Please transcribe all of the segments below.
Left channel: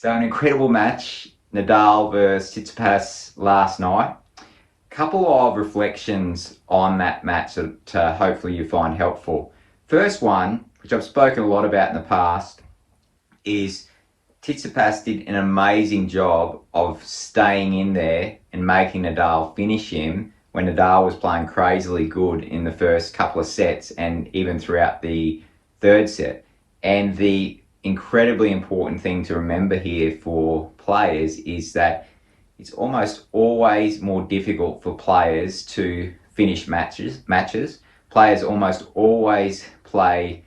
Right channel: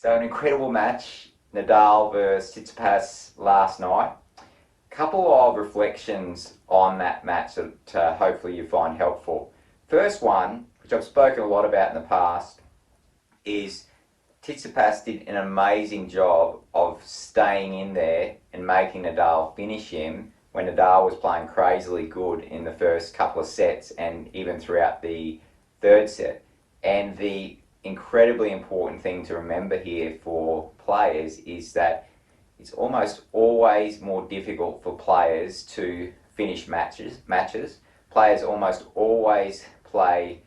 So an incredible match, Nadal versus Tsitsipas last night. Couple of reflections on that match that hopefully you find helpful. First one, which I've spoken a lot about in the past, is Tsitsipas did an amazing job of staying in there and making Nadal finish him when Nadal was playing crazily good in the first couple of sets and even throughout the third set. And the incredibly important thing to remember here for players is that it's almost always more difficult for players to finish matches. Players almost always play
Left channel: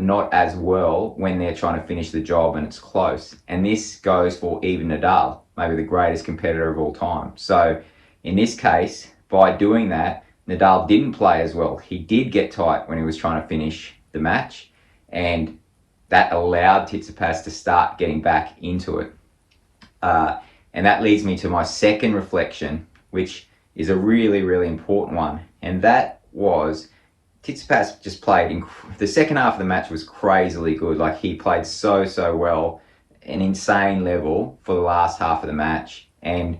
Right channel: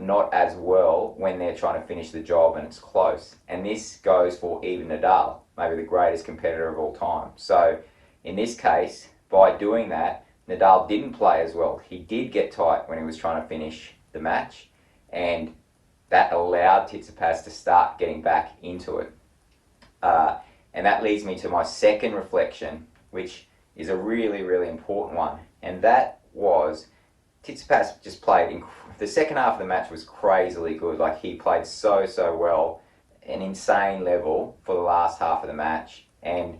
not as well when they're trying to finish the job and it's close. And this goes for even Nadal, maybe the greatest competitor of all time. So in this case, by doing that, Nadal didn't play as well. He did get tight when he was trying to finish the match, and that allowed Tsitsipas to start getting back into it. And that leads me to my second reflection, which is a really, really important one. And that was Tsitsipas just played. The second half of the match was crazily good. Like, he played so well, an insane level for the last half of the match. And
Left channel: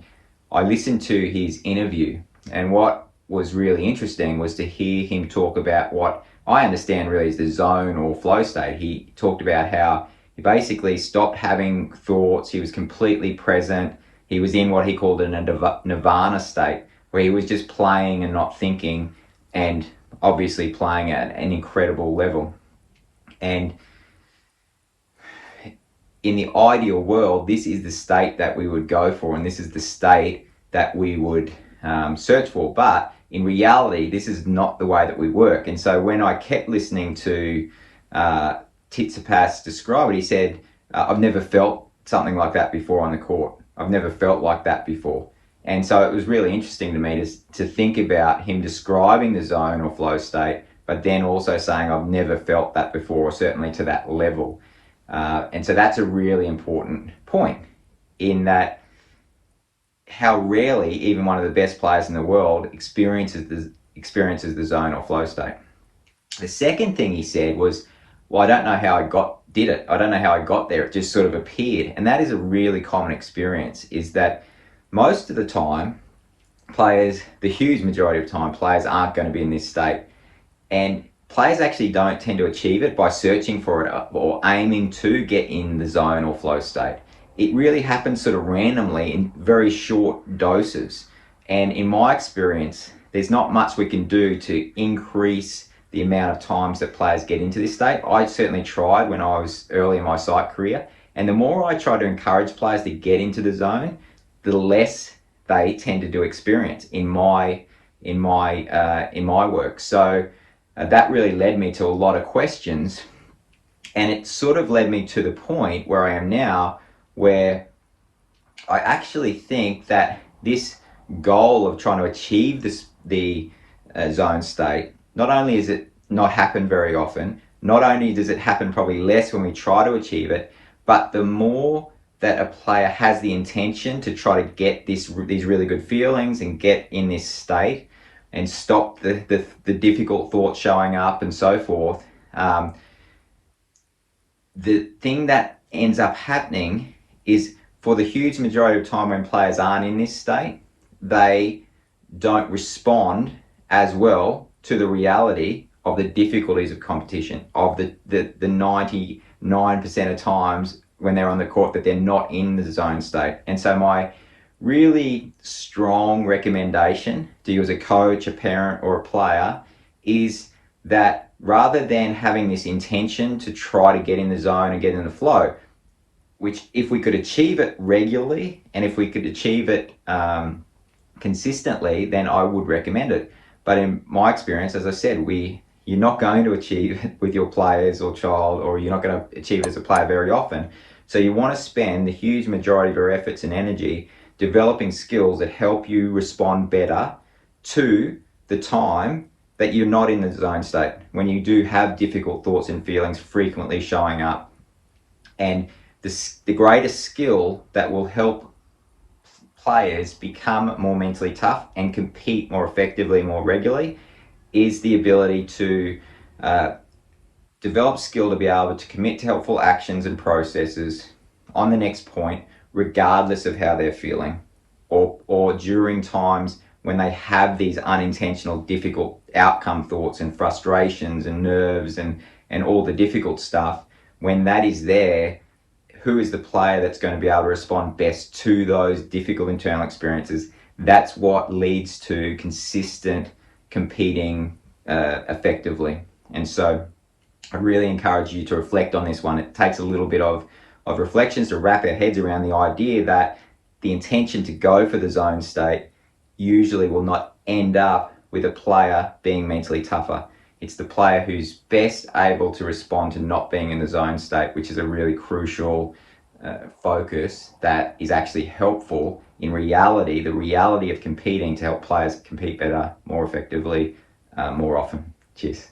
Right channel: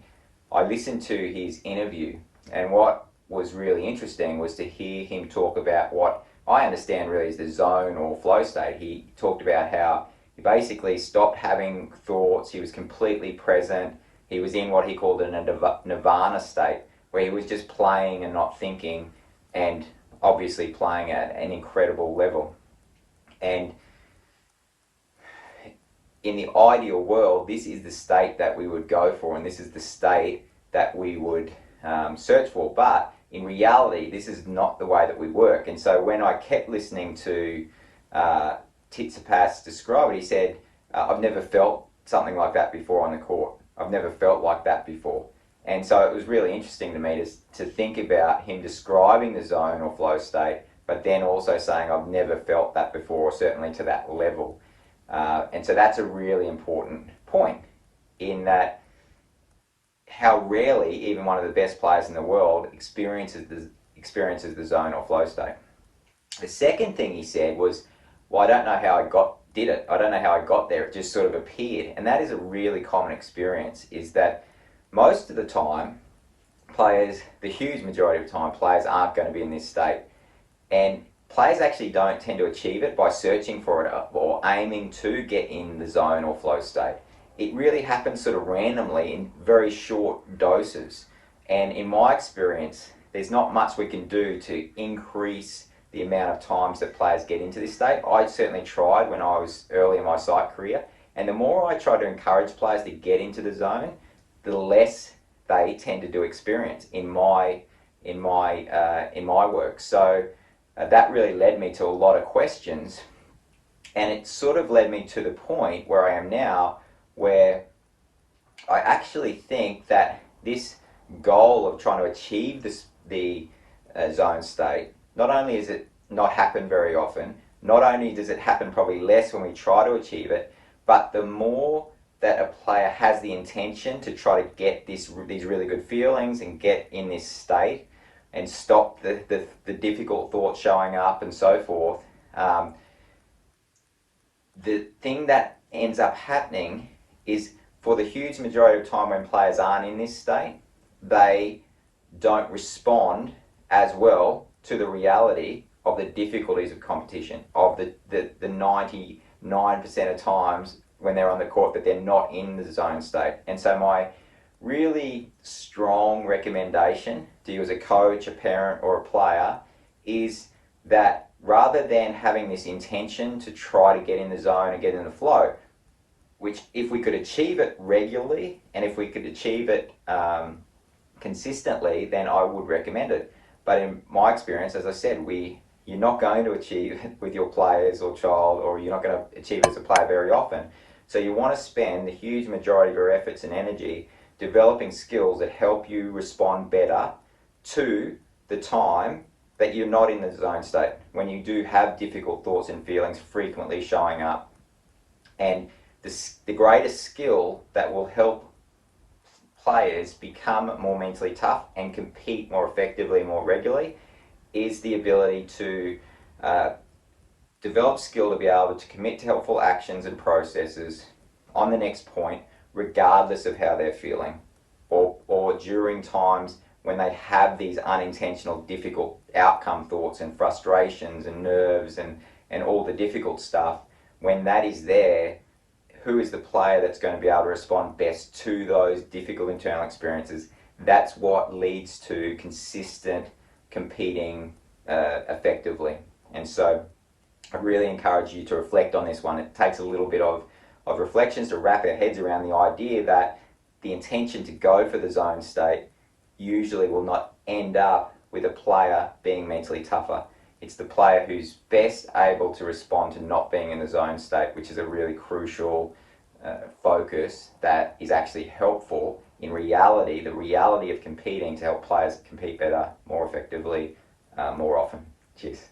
I listened to his interview, and what was really interesting was to hear him talk about what I understand really is the zone or flow state. He talked about how he basically stopped having thoughts. He was completely present. He was in what he called a nirvana state, where he was just playing and not thinking, and obviously playing at an incredible level. And in the ideal world, this is the state that we would go for, and this is the state that we would search for. But in reality, this is not the way that we work. And so when I kept listening to Tsitsipas describe it, he said, I've never felt something like that before on the court. I've never felt like that before. And so it was really interesting to me to think about him describing the zone or flow state, but then also saying, I've never felt that before, or certainly to that level. And so that's a really important point, in that how rarely even one of the best players in the world experiences the zone or flow state. The second thing he said was, well, I don't know how I did it. I don't know how I got there. It just sort of appeared. And that is a really common experience, is that most of the time, players, the huge majority of time, players aren't going to be in this state. And players actually don't tend to achieve it by searching for it or aiming to get in the zone or flow state. It really happens sort of randomly in very short doses. And in my experience, there's not much we can do to increase the amount of times that players get into this state. I certainly tried when I was early in my sight career. And the more I try to encourage players to get into the zone, the less they tended to experience in my work. So that really led me to a lot of questions, and it sort of led me to the point where I am now, where I actually think that this goal of trying to achieve the zone state, not only is it not happen very often, not only does it happen probably less when we try to achieve it, but the more that a player has the intention to try to get these really good feelings and get in this state and stop the difficult thoughts showing up and so forth, the thing that ends up happening is, for the huge majority of time when players aren't in this state, they don't respond as well to the reality of the difficulties of competition, of the 99% of times when they're on the court that they're not in the zone state. And so my really strong recommendation to you as a coach, a parent, or a player is that rather than having this intention to try to get in the zone and get in the flow, which if we could achieve it regularly and if we could achieve it consistently, then I would recommend it. But in my experience, as I said, you're not going to achieve it with your players or child, or you're not going to achieve it as a player very often. So you want to spend the huge majority of your efforts and energy developing skills that help you respond better to the time that you're not in the zone state, when you do have difficult thoughts and feelings frequently showing up. And the greatest skill that will help players become more mentally tough and compete more effectively, more regularly, is the ability to develop skill to be able to commit to helpful actions and processes on the next point, regardless of how they're feeling, or during times when they have these unintentional, difficult outcome thoughts and frustrations and nerves and all the difficult stuff. When that is there, who is the player that's going to be able to respond best to those difficult internal experiences? That's what leads to consistent competing effectively. And so I really encourage you to reflect on this one. It takes a little bit of reflections to wrap our heads around the idea that the intention to go for the zone state usually will not end up with a player being mentally tougher. It's the player who's best able to respond to not being in the zone state, which is a really crucial focus that is actually helpful in reality, the reality of competing, to help players compete better, more effectively, more often. Cheers.